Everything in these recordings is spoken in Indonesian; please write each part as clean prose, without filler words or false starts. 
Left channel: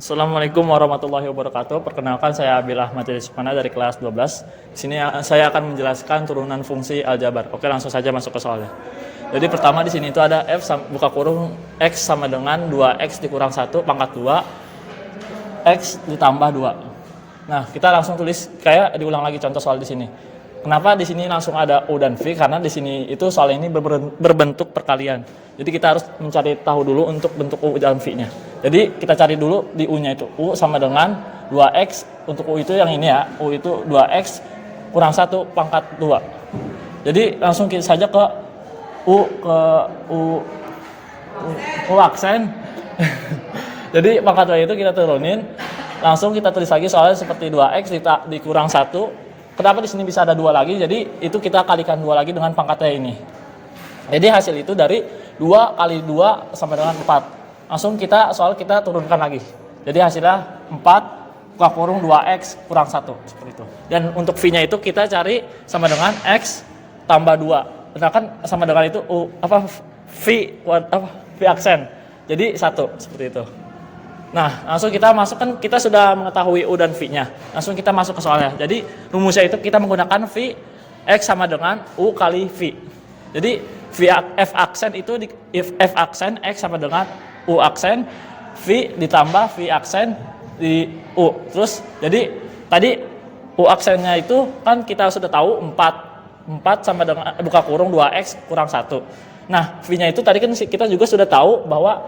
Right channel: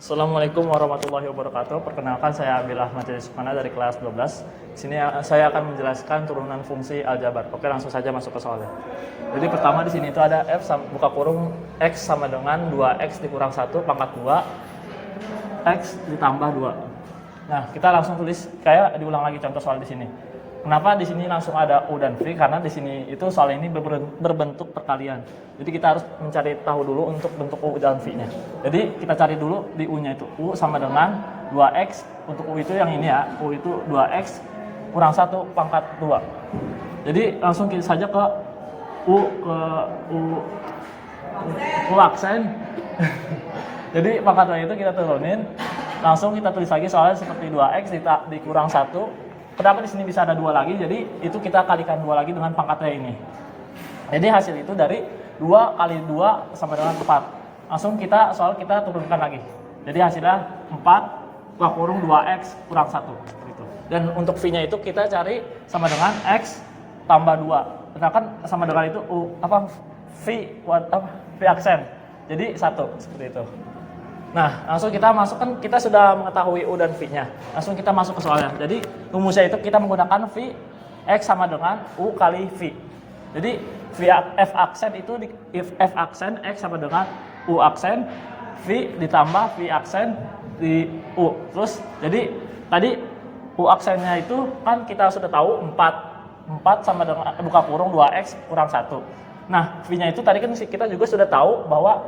Assalamualaikum warahmatullahi wabarakatuh. Perkenalkan saya Abil Ahmad Sukmana dari kelas 12. Di sini saya akan menjelaskan turunan fungsi aljabar. Oke, langsung saja masuk ke soalnya. Jadi pertama di sini itu ada buka kurung x sama dengan 2x dikurang 1 pangkat 2 x ditambah 2. Nah, kita langsung tulis kayak diulang lagi contoh soal di sini. Kenapa di sini langsung ada U dan V? Karena di sini itu soal ini berbentuk perkalian. Jadi kita harus mencari tahu dulu untuk bentuk U dan V-nya. Jadi kita cari dulu di U-nya itu. U sama dengan 2X. Untuk U itu yang ini ya. U itu 2X kurang 1 pangkat 2. Jadi langsung kita saja ke U aksen. Jadi pangkat 2 itu kita turunin. Langsung kita tulis lagi soalnya seperti 2X dikurang 1. Kenapa di sini bisa ada 2 lagi? Jadi itu kita kalikan 2 lagi dengan pangkatnya ini. Jadi hasil itu dari 2 kali 2 sama dengan 4. Langsung kita turunkan lagi. Jadi hasilnya 4 buka kurung 2x kurang 1 seperti itu. Dan untuk V-nya itu kita cari sama dengan x tambah 2. Sedangkan sama dengan itu V aksen. Jadi 1 seperti itu. Nah, langsung kita masukkan, kita sudah mengetahui U dan V-nya. Langsung kita masuk ke soalnya. Jadi rumusnya itu kita menggunakan V X sama dengan U kali V. Jadi F aksen itu F aksen X sama dengan U aksen V ditambah V aksen di U. Terus jadi tadi U aksennya itu kan kita sudah tahu 4 sama dengan buka kurung 2X kurang 1. Nah, V-nya itu tadi kan kita juga sudah tahu bahwa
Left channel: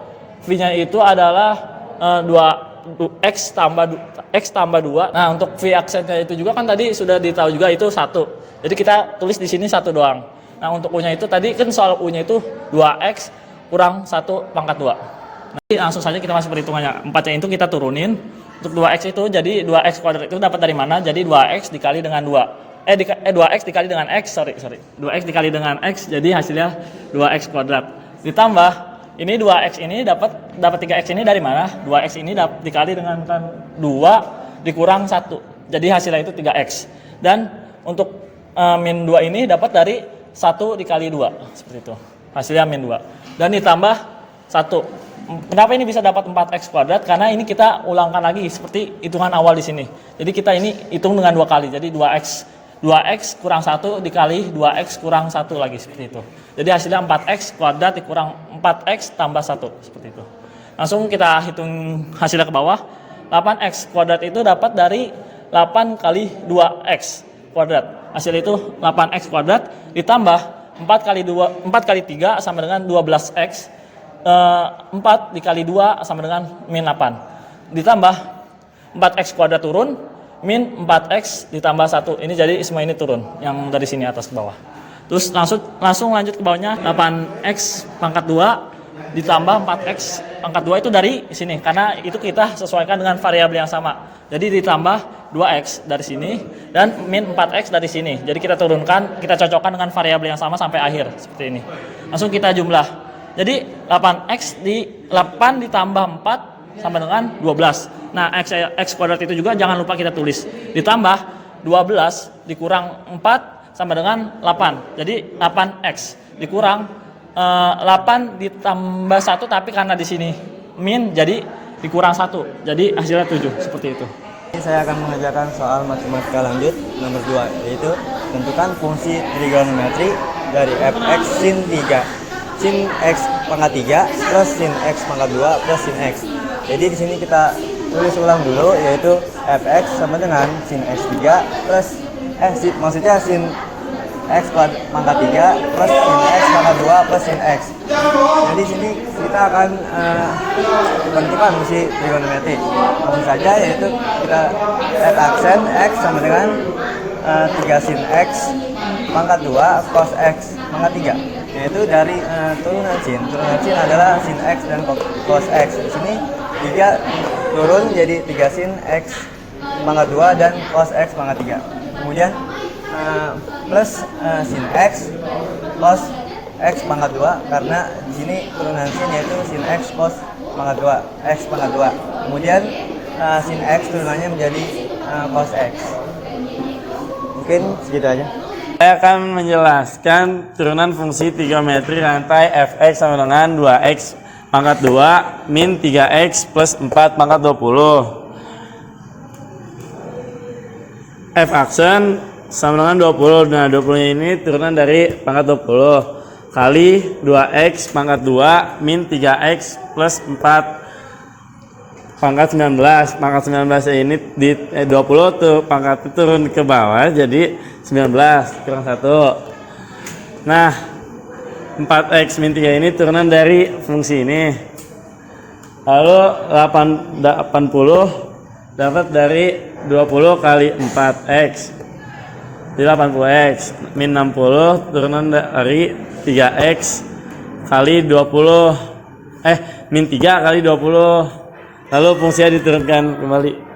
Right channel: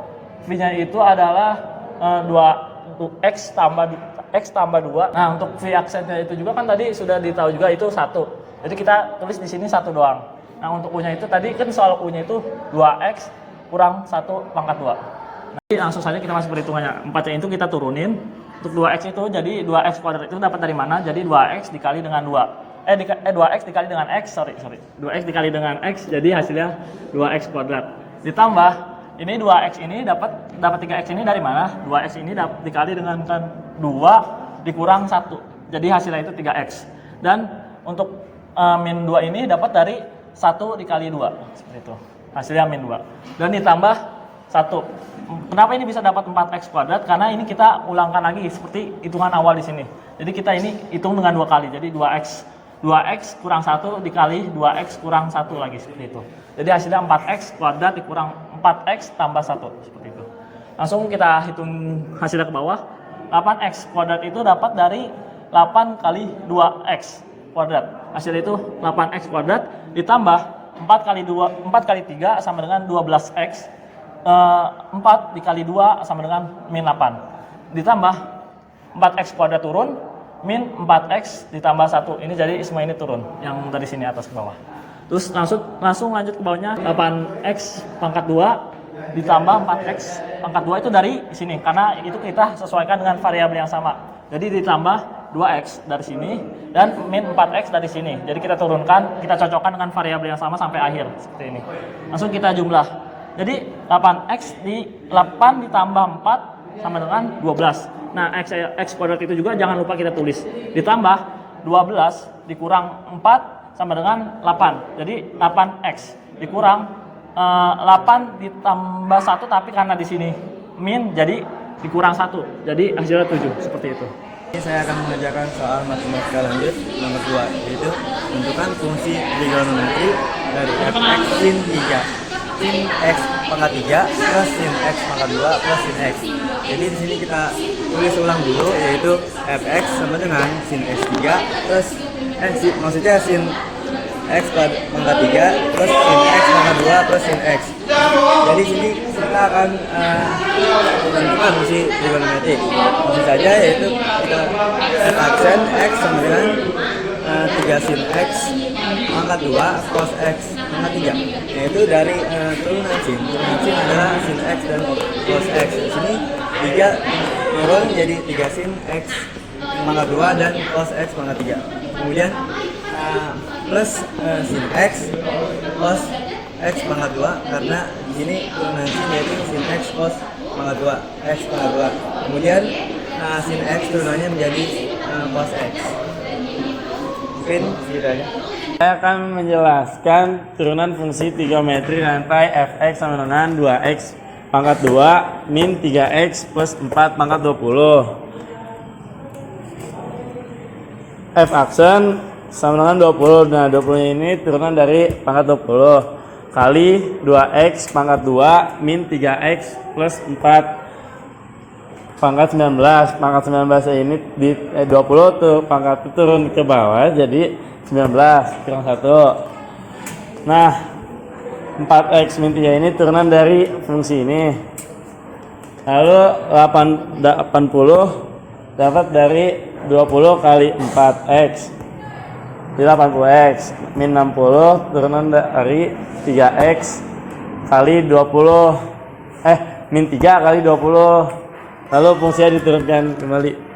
V-nya itu adalah 2x tambah 2. Nah, untuk V aksennya itu juga kan tadi sudah ditahu juga itu 1. Jadi kita tulis di sini 1 doang. Nah, untuk U-nya itu tadi kan soal U-nya itu 2x kurang 1 pangkat 2. Nanti langsung saja kita masuk perhitungannya. 4-nya itu kita turunin. Untuk 2x itu jadi 2x kuadrat itu dapat dari mana? Jadi 2x dikali dengan 2. 2x dikali dengan x, sorry. 2x dikali dengan x jadi hasilnya 2x kuadrat. Ditambah ini 2x ini dapat 3x ini dari mana? 2x ini dikali dengan 2 dikurang 1. Jadi hasilnya itu 3x. Dan untuk min 2 ini dapat dari 1 dikali 2. Seperti itu. Hasilnya min 2. Dan ditambah 1. Kenapa ini bisa dapat 4x kuadrat? Karena ini kita ulangkan lagi seperti hitungan awal di sini. Jadi kita ini hitung dengan 2 kali. Jadi 2x kurang 1 dikali 2x kurang 1 lagi seperti itu. Jadi hasilnya 4x kuadrat dikurang 4x tambah 1 seperti itu. Langsung kita hitung hasilnya ke bawah. 8x kuadrat itu dapat dari 8 kali 2x kuadrat. Hasil itu 8x kuadrat ditambah 4 kali 3 sama dengan 12x. 4 dikali 2 sama dengan min 8. Ditambah 4x kuadrat turun min 4x ditambah 1. Ini jadi semua ini turun yang dari sini atas ke bawah. Terus langsung lanjut ke bawahnya 8x pangkat 2 ditambah 4x pangkat 2 itu dari sini karena itu kita sesuaikan dengan variabel yang sama. Jadi ditambah 2x dari sini dan min 4x dari sini. Jadi kita turunkan, kita cocokkan dengan variabel yang sama sampai akhir seperti ini. Langsung kita jumlah. Jadi 8 ditambah 4 sama dengan 12. Nah, x kuadrat itu juga jangan lupa kita tulis. Ditambah 12 dikurang 4 sama dengan 8. Jadi 8x dikurang 8 ditambah 1 tapi karena di sini min jadi dikurang 1. Jadi hasilnya 7 seperti itu. Ini saya akan mengerjakan soal matematika lanjut nomor 2 yaitu tentukan fungsi trigonometri dari fx sin 3. Sin x pangkat 3 plus sin x pangkat 2 plus sin x. Jadi di sini kita tulis ulang dulu yaitu fx sama dengan sin x 3 plus maksudnya sin x pangkat 3 plus sin x pangkat 2 plus sin x. Jadi sini kita akan menentukan fungsi trigonometri. Maksud saja yaitu kita add aksen x sama dengan 3 sin x pangkat 2 cos x pangkat 3. Yaitu dari turunan sin adalah sin x dan cos x. Di sini 3 turun jadi 3 sin x pangkat 2 dan cos x pangkat 3. Kemudian plus sin x cos x pangkat 2 karena di sini turunan sin yaitu sin x cos pangkat 2 x pangkat 2. Kemudian sin x turunannya menjadi cos x. Mungkin segitu aja. Saya akan menjelaskan turunan fungsi trigonometri rantai fx sama dengan 2x pangkat 2 min 3x plus 4 pangkat 20. F aksen sama dengan 20. Nah, 20 ini turunan dari pangkat 20 kali 2x pangkat 2 min 3x plus 4 pangkat 19. Pangkat 19 ini di 20 tuh pangkat turun ke bawah jadi 19 kurang 1. Nah, 4x min 3 ini turunan dari fungsi ini. Lalu 80 dapat dari 20 kali 4x di 80x min 60 turunan dari 3x kali 20 min 3 kali 20, lalu fungsinya diturunkan kembali.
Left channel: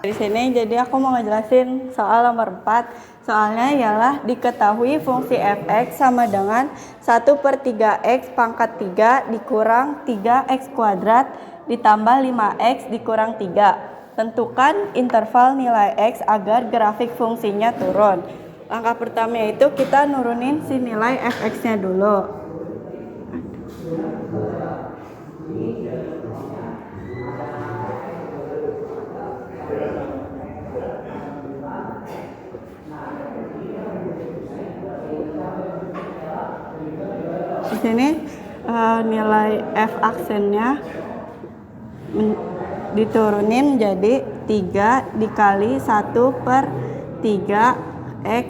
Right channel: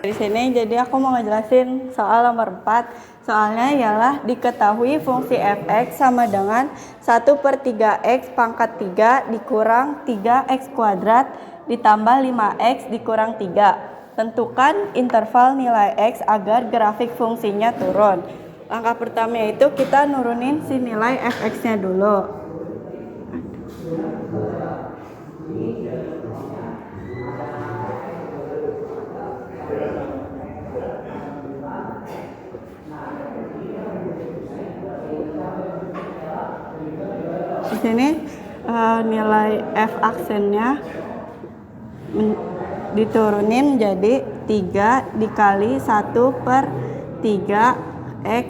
Di sini jadi aku mau ngejelasin soal nomor 4. Soalnya ialah diketahui fungsi fx sama dengan 1/3x pangkat 3 dikurang 3x kuadrat ditambah 5x dikurang 3. Tentukan interval nilai x agar grafik fungsinya turun. Langkah pertama itu kita nurunin si nilai fx-nya dulu. Di sini nilai f aksennya diturunin jadi 3 dikali 1/3x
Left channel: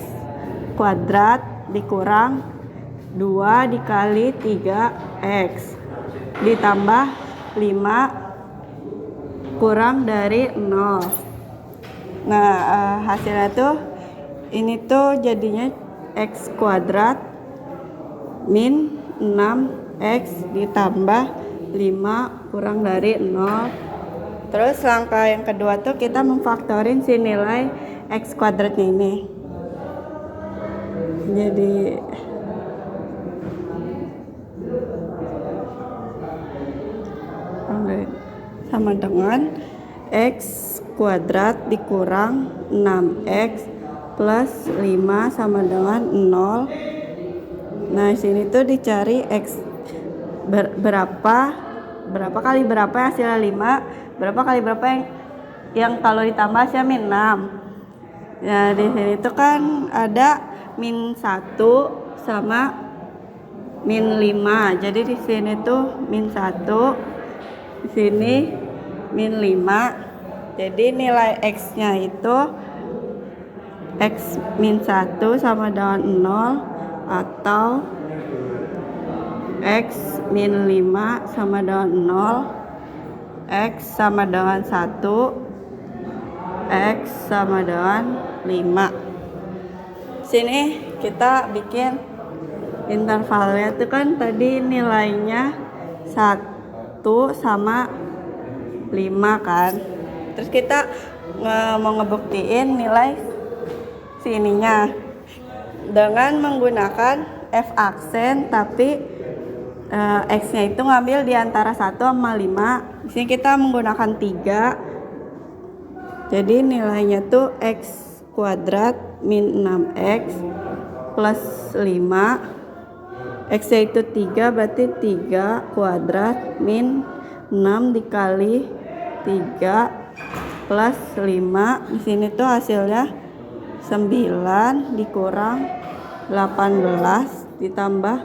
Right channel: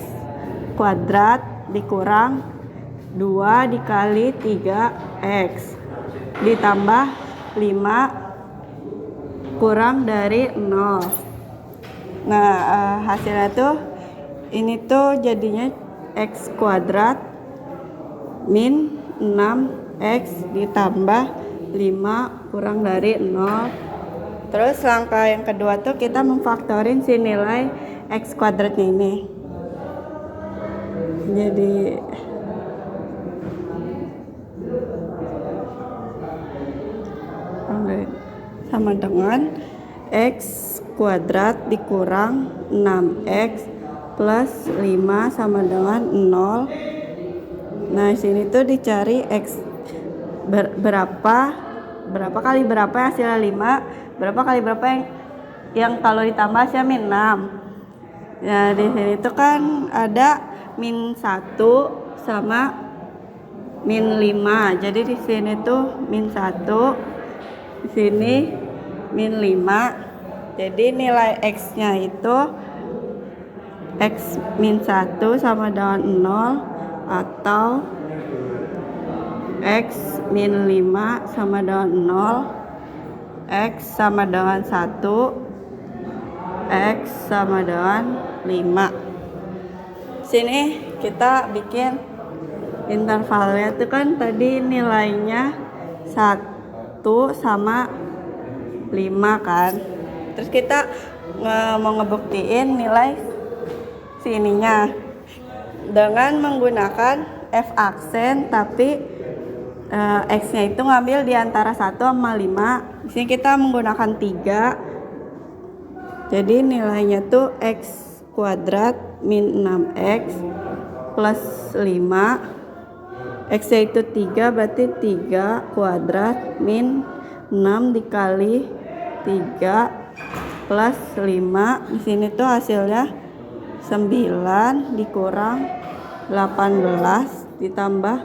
kuadrat dikurang 2 dikali 3x ditambah 5 kurang dari 0. Nah, hasilnya tuh ini tuh jadinya x kuadrat min 6x ditambah 5 kurang dari 0. Terus langkah yang kedua tuh kita memfaktorin si nilai x kuadratnya ini. Jadi sama dengan x kuadrat dikurang 6x plus 5 sama dengan 0. Nah, sini tuh dicari x berapa kali berapa hasilnya 5, berapa kali berapa yang kalau ditambah hasilnya min 6. Ya, di sini tuh kan ada min 1 sama min 5. Jadi di sini tuh min 1, di sini min 5. Jadi nilai x-nya itu x min 1 sama dengan 0 atau x min 5 sama dengan 0, x sama dengan 1, x sama dengan 5. Sini kita bikin intervalnya itu kan tadi nilainya 1 sama 5 kan. Terus kita mau ngebuktiin nilai sininya dengan menggunakan f aksen tapi x-nya itu ngambil di antara 1 sama 5. Di sini kita menggunakan 3. Jadi nilainya tuh x kuadrat min 6x plus 5. X-nya itu 3 berarti 3 kuadrat min 6 dikali 3 plus 5. Di sini tuh hasilnya 9 dikurang 18 ditambah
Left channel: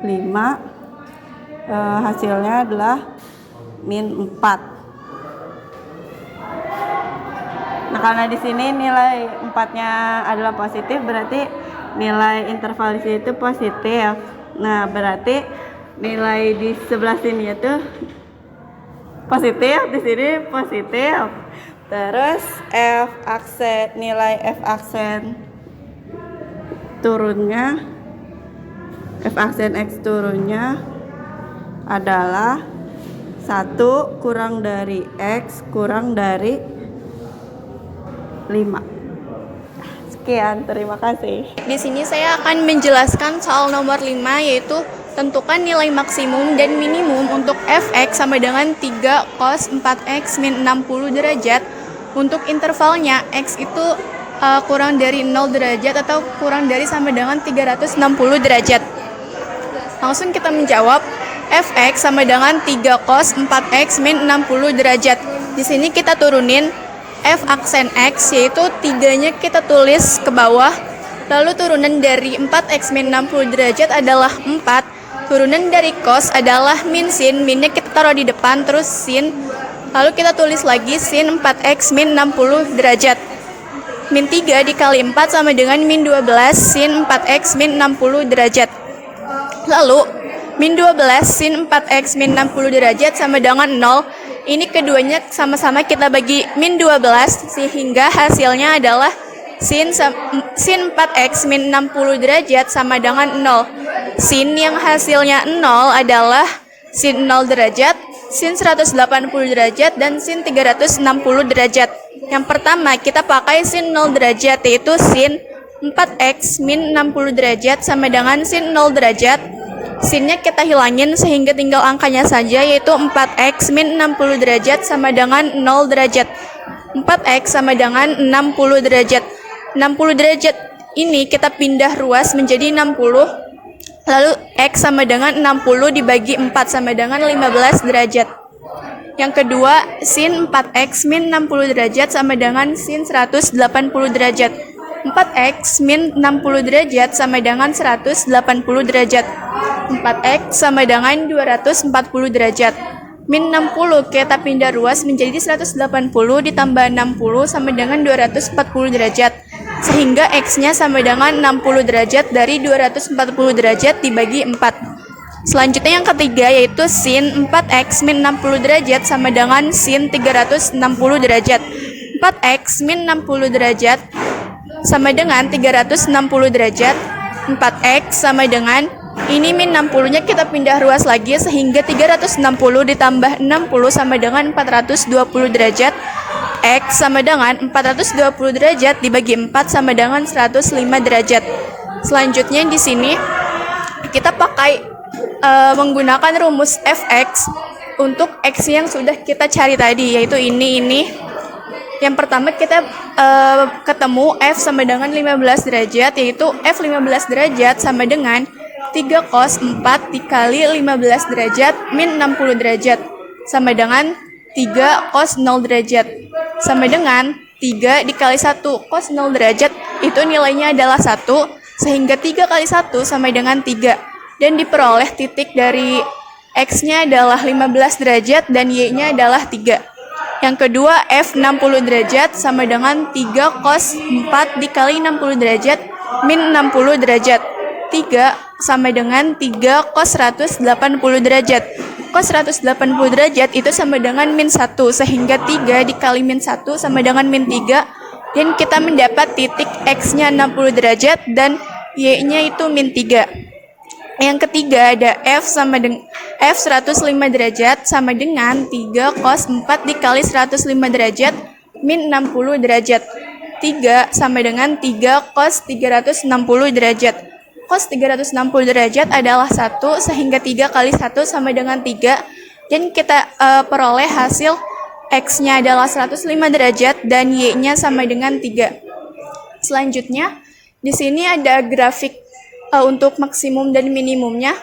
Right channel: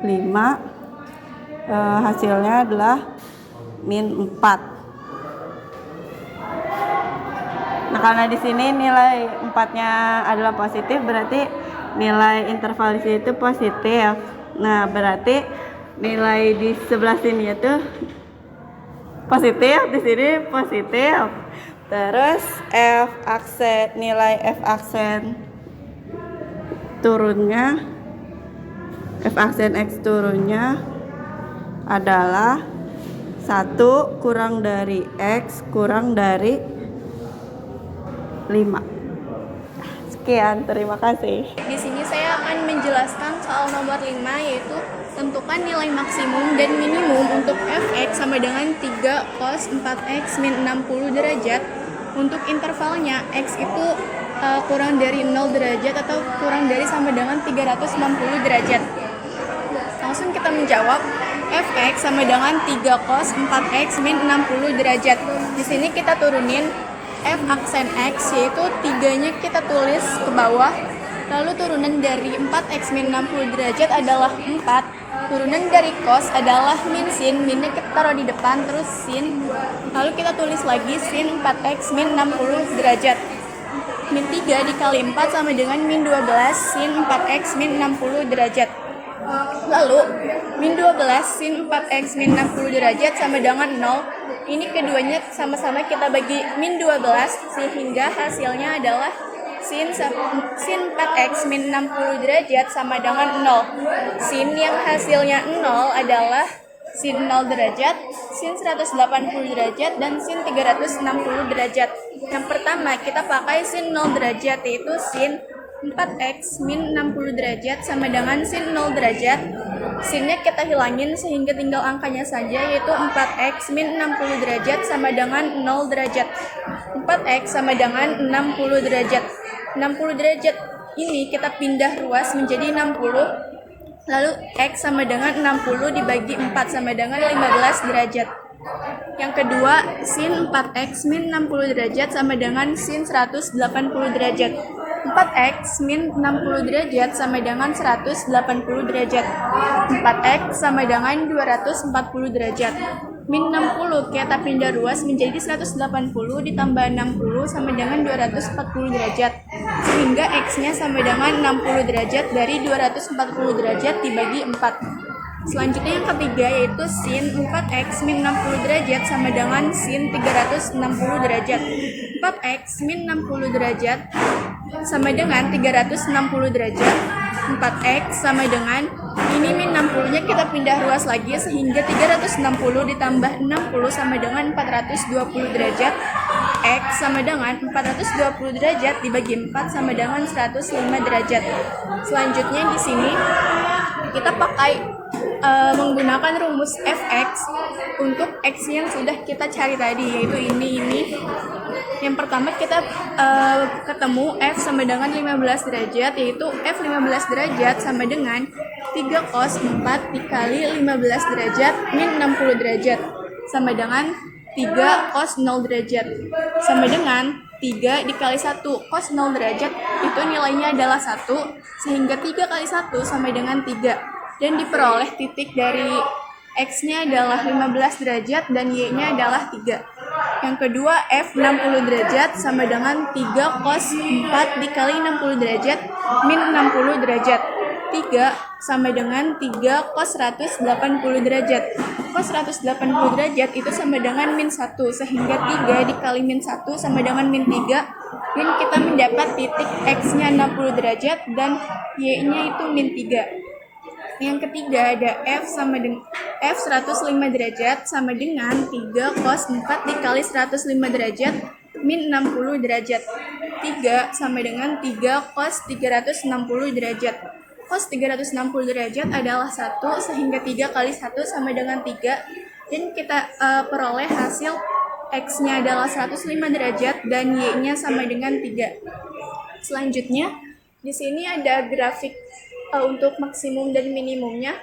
5. Hasilnya adalah min 4. Nah, karena di sini nilai 4-nya adalah positif, berarti nilai interval di sini itu positif. Nah, berarti nilai di sebelah sini itu positif, di sini positif. Terus nilai f aksen turunnya, f aksen x turunnya adalah 1 kurang dari x kurang dari 5. Sekian, terima kasih. Di sini saya akan menjelaskan soal nomor 5, yaitu tentukan nilai maksimum dan minimum untuk fx sama dengan 3 cos 4x min 60 derajat. Untuk intervalnya x itu kurang dari 0 derajat atau kurang dari sama dengan 360 derajat. Langsung kita menjawab, fx sama dengan 3 cos 4x min 60 derajat. Di sini kita turunin f aksen x, yaitu 3-nya kita tulis ke bawah. Lalu turunan dari 4x min 60 derajat adalah 4. Turunan dari cos adalah min sin. Minnya kita taruh di depan, terus sin. Lalu kita tulis lagi sin 4x min 60 derajat. Min 3 dikali 4 sama dengan min 12 sin 4x min 60 derajat. Lalu min 12 sin 4x min 60 derajat sama dengan 0. Ini keduanya sama-sama kita bagi min 12, sehingga hasilnya adalah sin 4x min 60 derajat sama dengan 0. Sin yang hasilnya 0 adalah sin 0 derajat, sin 180 derajat, dan sin 360 derajat. Yang pertama kita pakai sin 0 derajat, yaitu sin 4x min 60 derajat sama dengan sin 0 derajat. Sinnya kita hilangin sehingga tinggal angkanya saja, yaitu 4x min 60 derajat sama dengan 0 derajat. 4x sama dengan 60 derajat. 60 derajat ini kita pindah ruas menjadi 60. Lalu x sama dengan 60 dibagi 4 sama dengan 15 derajat. Yang kedua, sin 4x min 60 derajat sama dengan sin 180 derajat. 4x min 60 derajat sama dengan 180 derajat. 4x sama dengan 240 derajat. Min 60 kita pindah ruas menjadi 180 ditambah 60 sama dengan 240 derajat. Sehingga x-nya sama dengan 60 derajat dari 240 derajat dibagi 4. Selanjutnya yang ketiga, yaitu sin 4x min 60 derajat sama dengan sin 360 derajat. 4x min 60 derajat sama dengan 360 derajat. 4x sama dengan, ini min 60-nya kita pindah ruas lagi sehingga 360 ditambah 60 sama dengan 420 derajat. X sama dengan 420 derajat dibagi 4 sama dengan 105 derajat. Selanjutnya di sini kita pakai menggunakan rumus fx untuk x yang sudah kita cari tadi, yaitu ini. Yang pertama kita ketemu f sama dengan 15 derajat, yaitu f 15 derajat sama dengan 3 cos 4 dikali 15 derajat min 60 derajat sama dengan 3 cos 0 derajat sama dengan 3 dikali 1 cos 0 derajat, itu nilainya adalah 1, sehingga 3 kali 1 sama dengan 3. Dan diperoleh titik dari x-nya adalah 15 derajat dan y-nya adalah 3. Yang kedua, f 60 derajat sama dengan 3 cos 4 dikali 60 derajat min 60 derajat. 3 sama dengan 3 cos 180 derajat. Cos 180 derajat itu sama dengan min 1, sehingga 3 dikali min 1 sama dengan min 3. Dan kita mendapat titik x-nya 60 derajat dan y-nya itu min 3. Yang ketiga ada f sama dengan f 105 derajat sama dengan 3 cos 4 dikali 105 derajat min 60 derajat. 3 sama dengan 3 cos 360 derajat. Cos 360 derajat adalah 1, sehingga 3 kali 1 sama dengan 3. Dan kita peroleh hasil x-nya adalah 105 derajat dan y-nya sama dengan 3. Selanjutnya di sini ada grafik untuk maksimum dan minimumnya.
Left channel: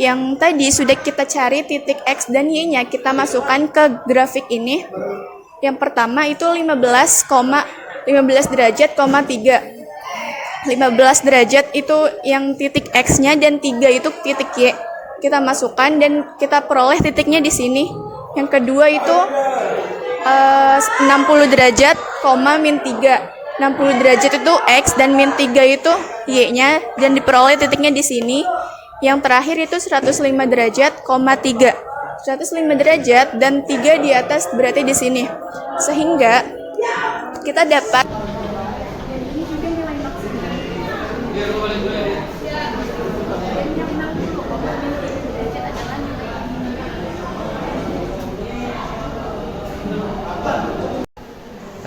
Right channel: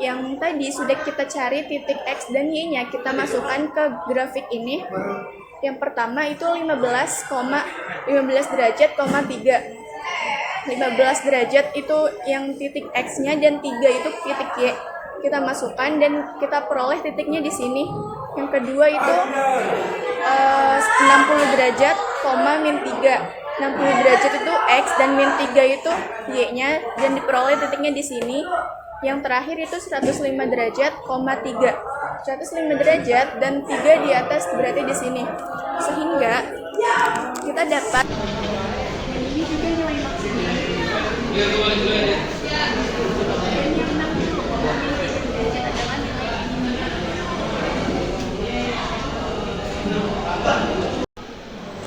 Yang tadi sudah kita cari titik x dan y-nya, kita masukkan ke grafik ini. Yang pertama itu 15 derajat, 3. 15 derajat itu yang titik x-nya dan 3 itu titik y. Kita masukkan dan kita peroleh titiknya di sini. Yang kedua itu 60 derajat, min 3. 60 derajat itu x dan min 3 itu y-nya dan diperoleh titiknya di sini. Yang terakhir itu 105 derajat, 3. 105 derajat dan 3 di atas berarti di sini. Sehingga kita dapat ini juga nilai maksimum. Dan yang 60,3 derajat adalah nilai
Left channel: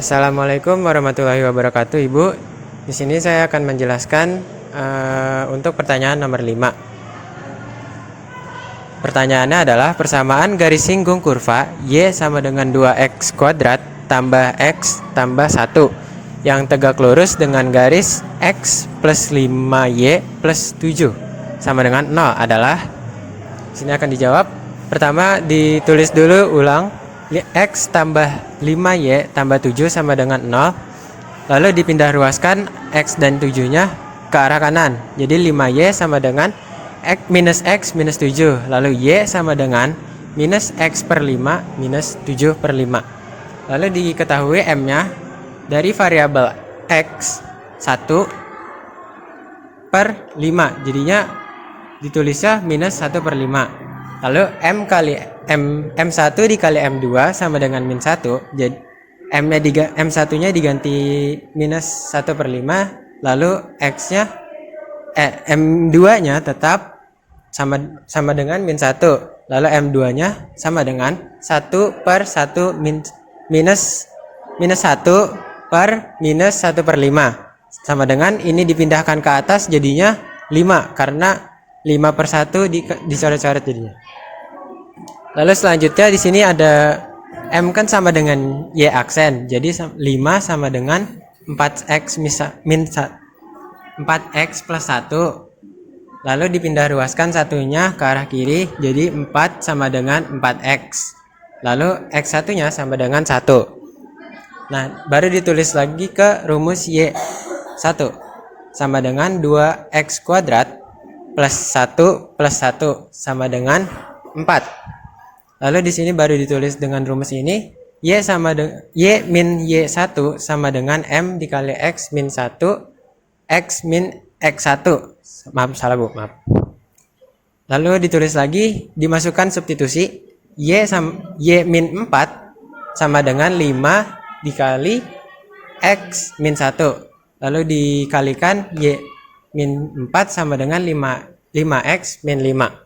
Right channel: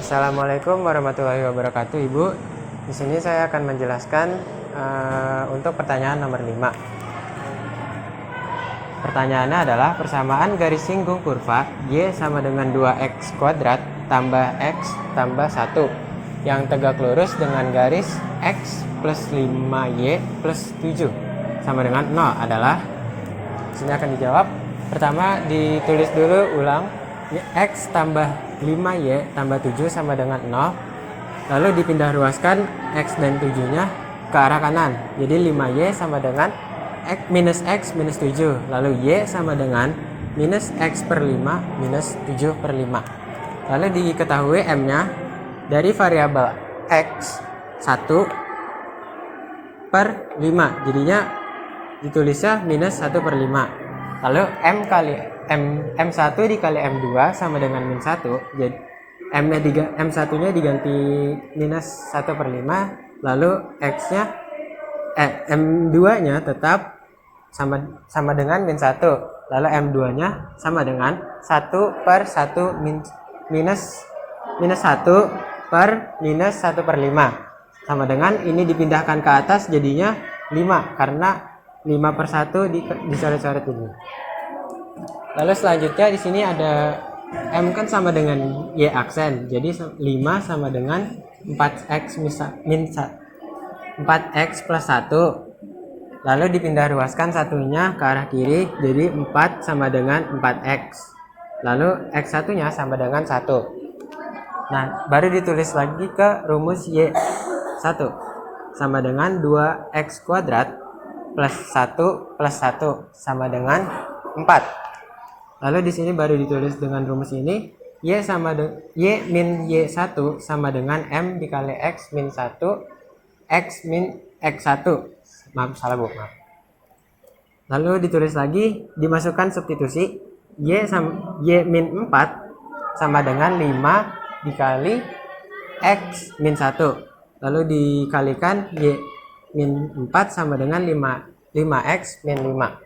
Assalamualaikum warahmatullahi wabarakatuh, Ibu. Di sini saya akan menjelaskan untuk pertanyaan nomor 5. Pertanyaannya adalah persamaan garis singgung kurva y sama dengan 2x kuadrat tambah x tambah 1 yang tegak lurus dengan garis x plus 5y plus 7 sama dengan 0 adalah Sini akan dijawab. Pertama ditulis dulu ulang. X tambah 5Y tambah 7 sama dengan 0. Lalu dipindah ruaskan X dan 7-nya ke arah kanan. Jadi 5Y sama dengan X minus 7. Lalu Y sama dengan minus X per 5 minus 7 per 5. Lalu diketahui M-nya dari variabel X 1 per 5. Jadinya ditulisnya minus 1 per 5. Lalu M1 dikali M2 sama dengan min 1. Jadi M1-nya diganti minus 1 per 5. Lalu X-nya M2-nya tetap sama dengan min 1. Lalu M2-nya sama dengan 1 per 1 minus 1 per minus 1 per 5. Sama dengan ini dipindahkan ke atas jadinya 5 karena 5 per 1 dicoret-coret jadinya. Lalu selanjutnya di sini ada M kan sama dengan Y aksen. Jadi 5 sama dengan 4X min 4X plus 1. Lalu dipindah ruaskan satunya ke arah kiri. Jadi 4 sama dengan 4X. Lalu X1-nya sama dengan 1. Nah, baru ditulis lagi ke rumus Y1 sama dengan 2X kuadrat plus 1 sama dengan 4. Lalu di sini baru ditulis dengan rumus ini Y min Y1 sama dengan M dikali X min 1 X min X1. Maaf. Lalu ditulis lagi, dimasukkan substitusi Y min 4 sama dengan 5 dikali X min 1. Lalu dikalikan Y min 4 sama dengan 5X min 5.